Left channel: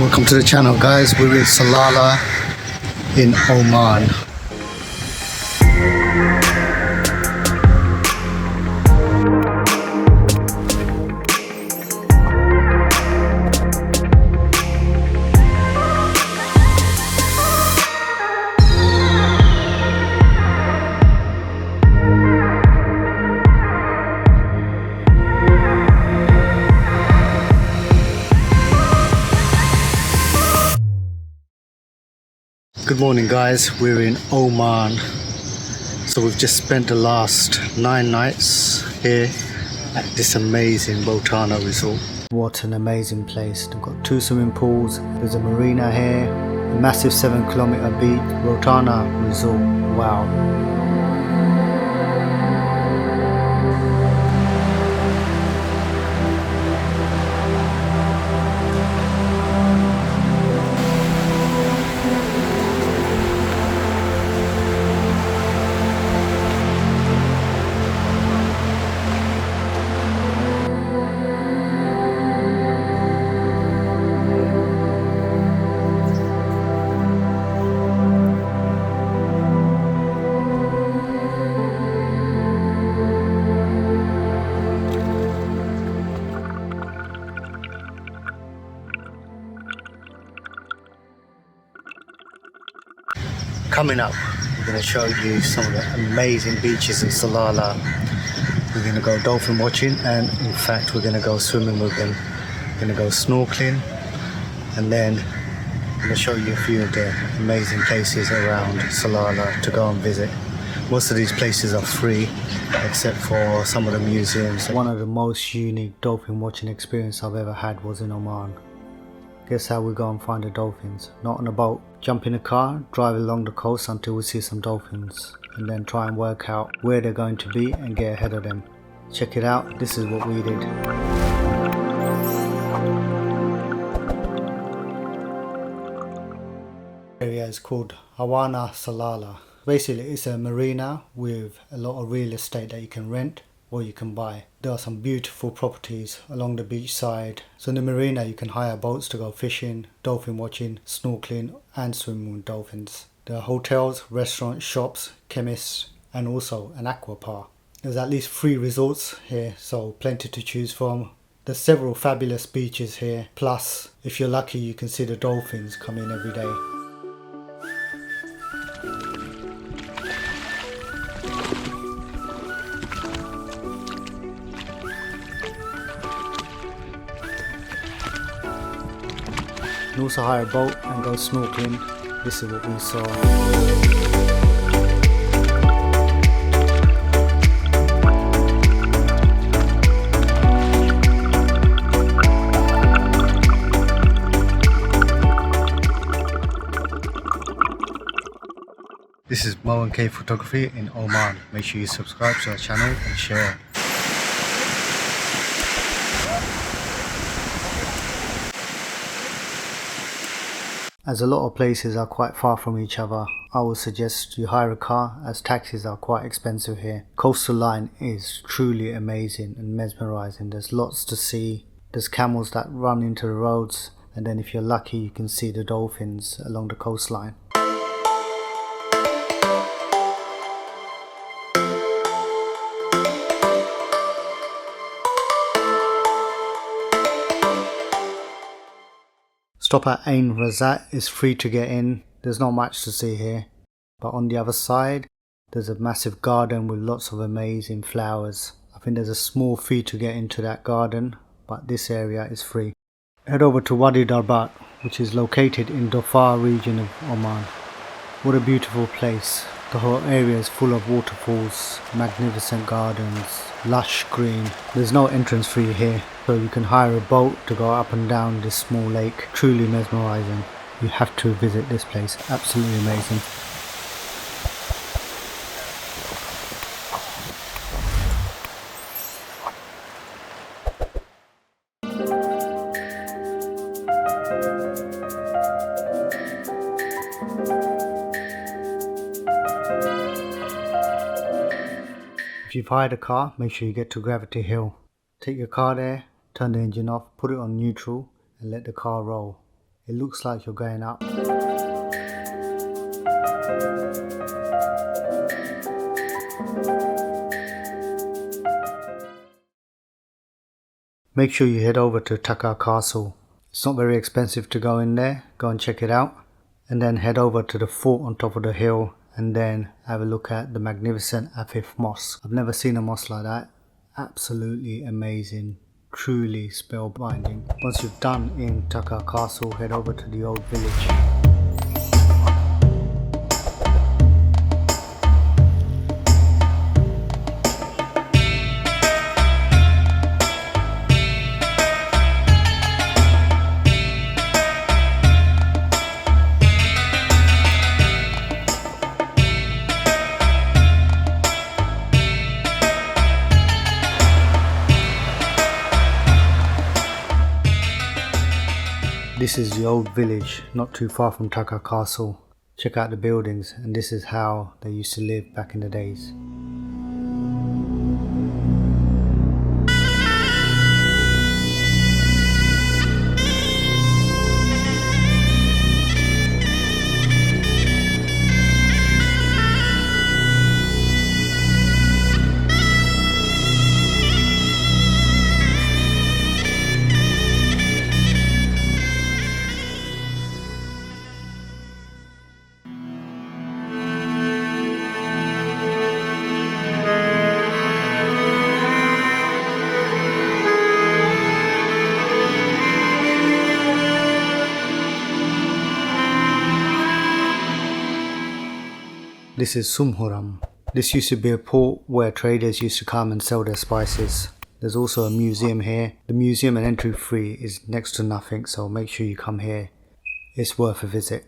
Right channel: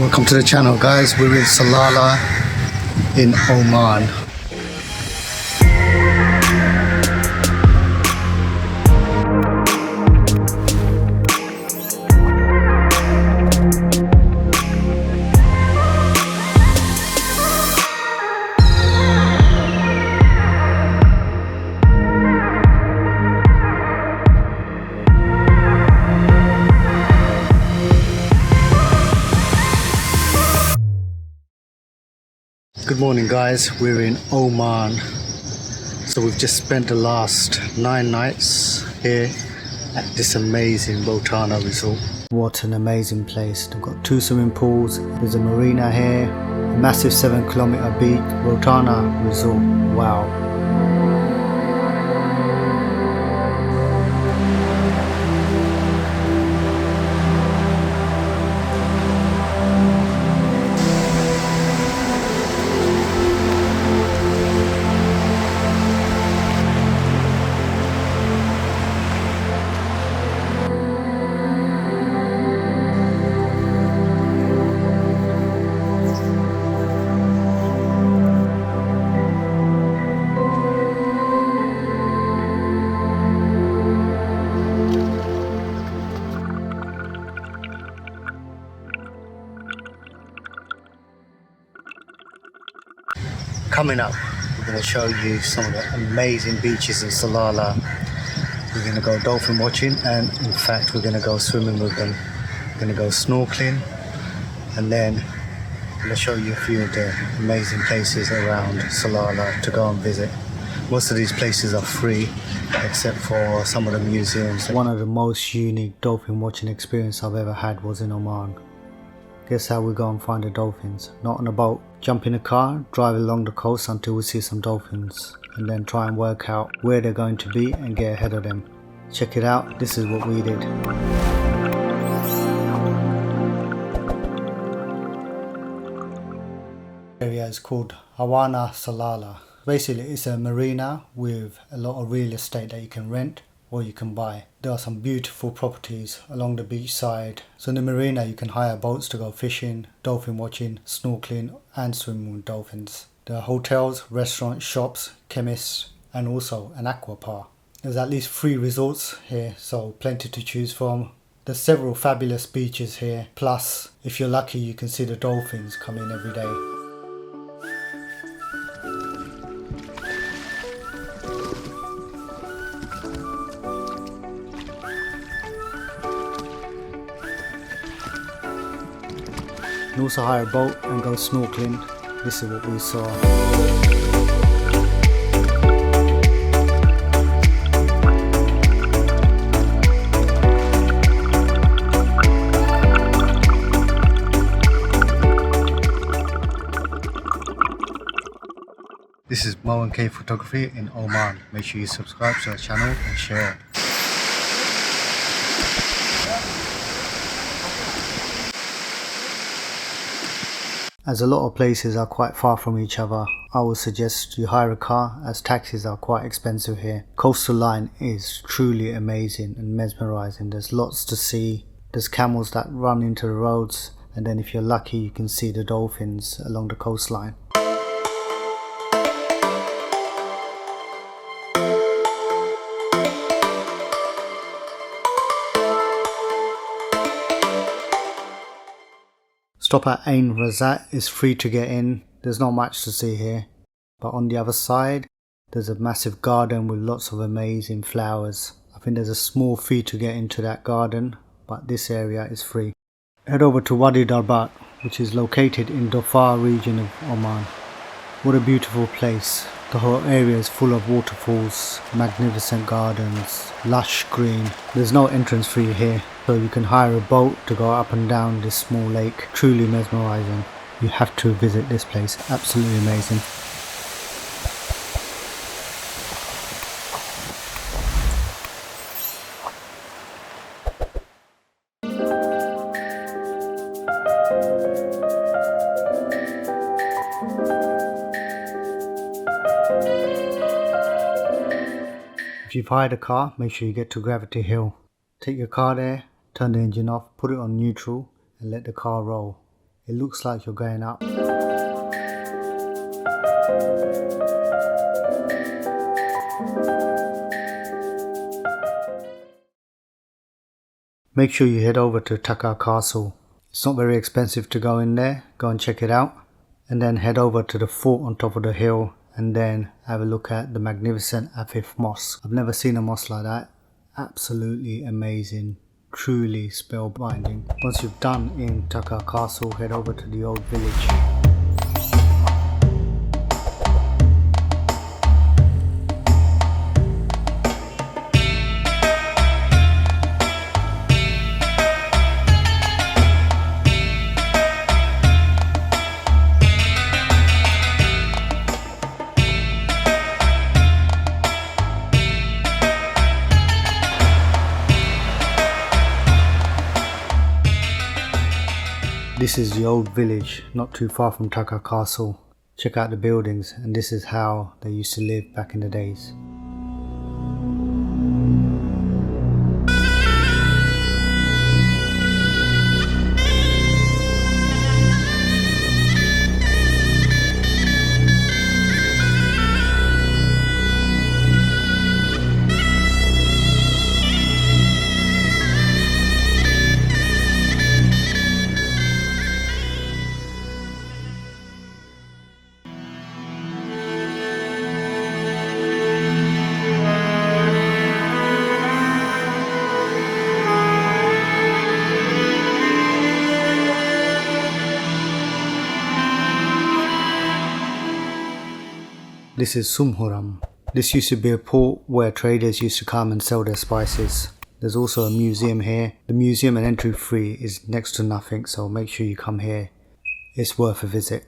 Welcome to the channel, guys. We're in Salalah in Oman. Good morning, guys. We're in Oman. So we've just spent the last 9 nights here at this amazing Rotana resort. What an amazing place. They've got 2 swimming pools. There's a marina here, a massive 7-kilometer beach. Rotana resort. Wow. Coming up, we're going to show you some of the amazing beaches in Salalah. We're going to go dolphin watching, and in fact we're going to go swimming with them. We're going to go snorkeling, and then I'm going to show you a few of the amazing places around Salalah to go and visit. Most of these places are free except for some of the museums. One of the most unique dolphin watching experience I've ever had was in Oman. Guess how we go and find the dolphins? Not on a boat. Jump in a car, drive along the coast until we see some dolphins, and then try and work out where they're going to be and get ahead of them. Check it out, this is what we did. The area is called Hawana Salalah. Basically it's a marina with a lot of real estate that you can rent or you can buy. There are some beautiful properties along the beach side. So in the marina you can hire boats to go fishing, dolphin watching, snorkeling and swimming with dolphins. There are hotels, restaurants, shops, chemists and also an aqua park. There's at least 3 resorts here, so plenty to choose from. There's several fabulous beaches here, plus if you're lucky you can see the dolphins come in every day. You can also hire a boat and go snorkeling. This is what we saw. This is Mo and K Photography in Oman. Make sure you subscribe to our channel and share. As a lot of places are quite far from each other, I would suggest you hire a car as taxis are quite expensive here. Coastal line is truly amazing and mesmerizing. There's lots to see. There's camels that run into the roads, and then if you're lucky you can see the dolphins along the coastline. Stop at Ain Razat is free to get in. There's not much to see here. But on the other side, there's a massive garden with lots of amazing flowers. I think there's a small fee to get into that garden, but this area is free. Head over to Wadi Darbat, which is located in Dhofar region of Oman. What a beautiful place. The whole area is full of waterfalls, magnificent gardens, lush green. There's no entrance fee here, so you can hire a boat to go up and down this small lake. Truly mesmerizing. You have to visit this place. Absolutely amazing. If you've hired a car, make sure you get to Gravity Hill. Take your car there, turn the engine off, put it on neutral and let the car roll. It looks like you're going up. Make sure you head over to Taqah Castle. It's not very expensive to go in there. Go and check it out. And then head over to the fort on top of the hill and then have a look at the magnificent Afif Mosque. I've never seen a mosque like that. Absolutely amazing. Truly spellbinding. Once you've done in Taqah Castle, head over to the old village. This is the old village, not too far from Taqah Castle. Check out the buildings, and this is how they used to live back in the days. This is Sumhuram. This used to be a port where traders used to come and sell their spices. There's also a museum here. The museum and entry fee is next to nothing, so make sure you come here. It's worth a visit.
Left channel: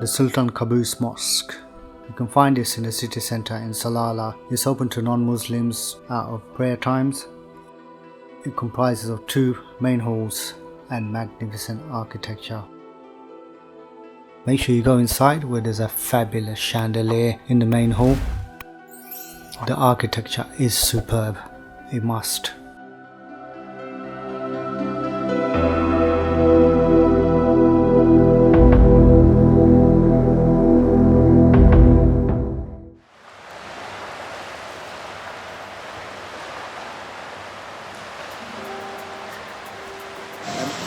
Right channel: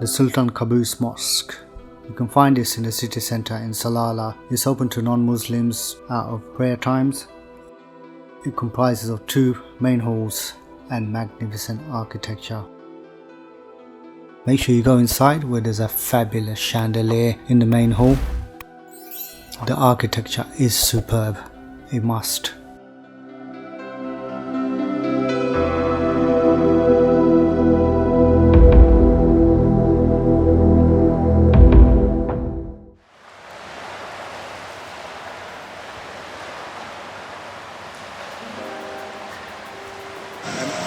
The Sultan Qaboos Mosque. You can find this in the city centre in Salalah. It's open to non-Muslims out of prayer times. It comprises of 2 main halls and magnificent architecture. Make sure you go inside where there's a fabulous chandelier in the main hall. The architecture is superb. A must.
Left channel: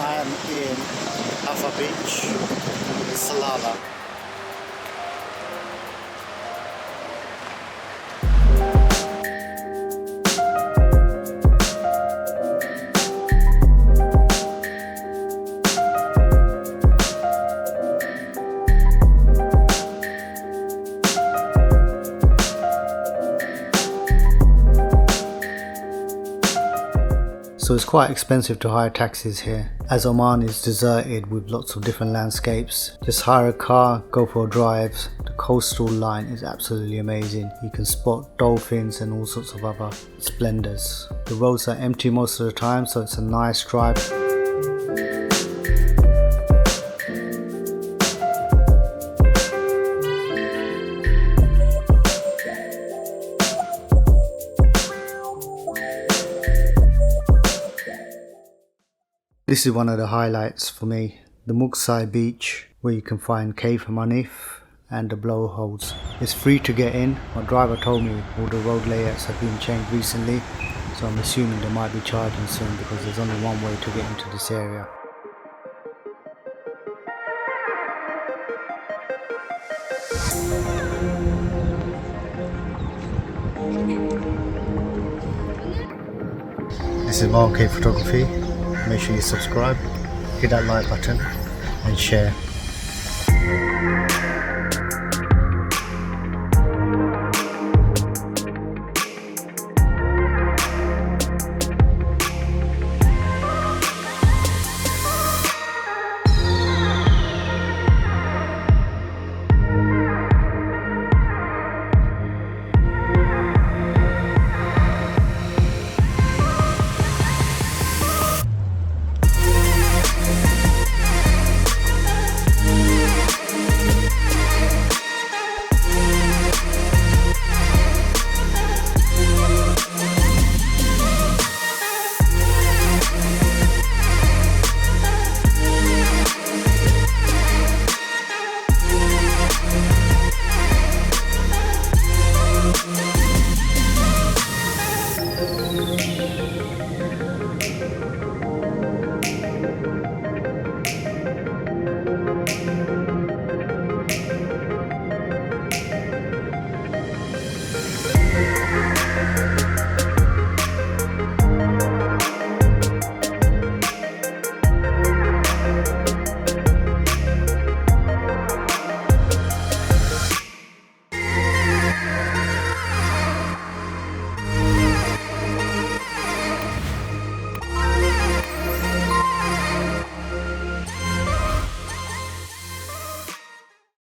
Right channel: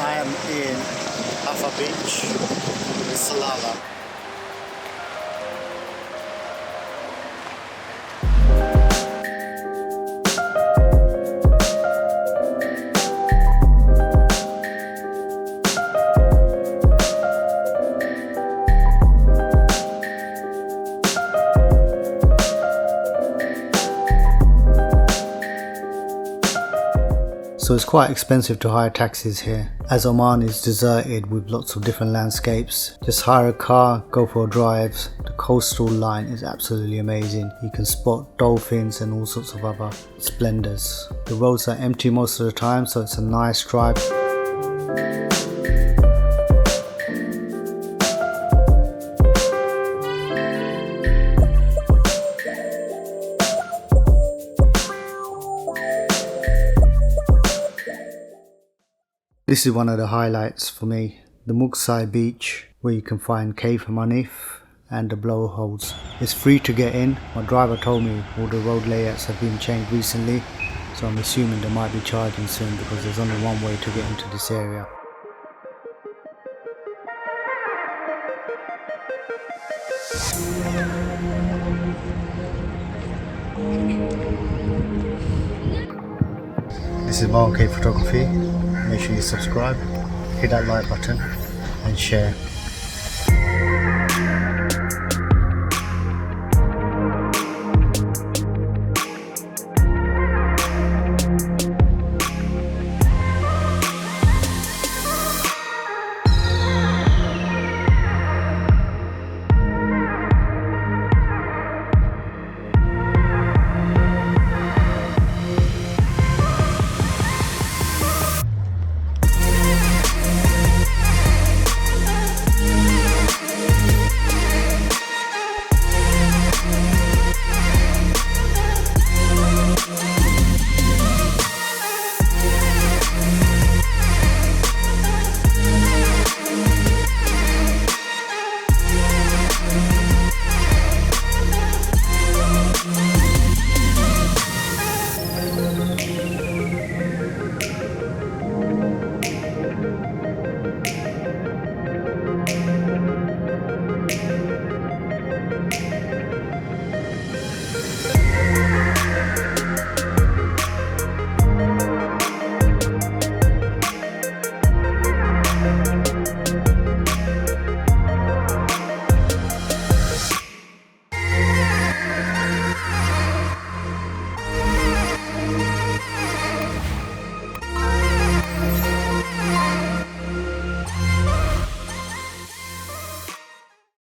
I am in Haffa Beach in Salalah. Also, it's quite expensive to hire taxis here, as Oman is deserted with lots of different landscapes. Just hire a car, go for a drive. The coastal line is absolutely amazing. You can spot dolphins and all sorts of other splendors. The roads are empty most of the time, so it's a nice drive. This is one of the highlights for me, the Mughsail Beach, where you can find Cave Marneef and the blowholes. It's free to get in. My driver told me all the road layouts have been changed recently, so I'm assuming they might be charging soon because there's only one way to get into this area. This is my Photography. Make sure you subscribe, hit that like button and share.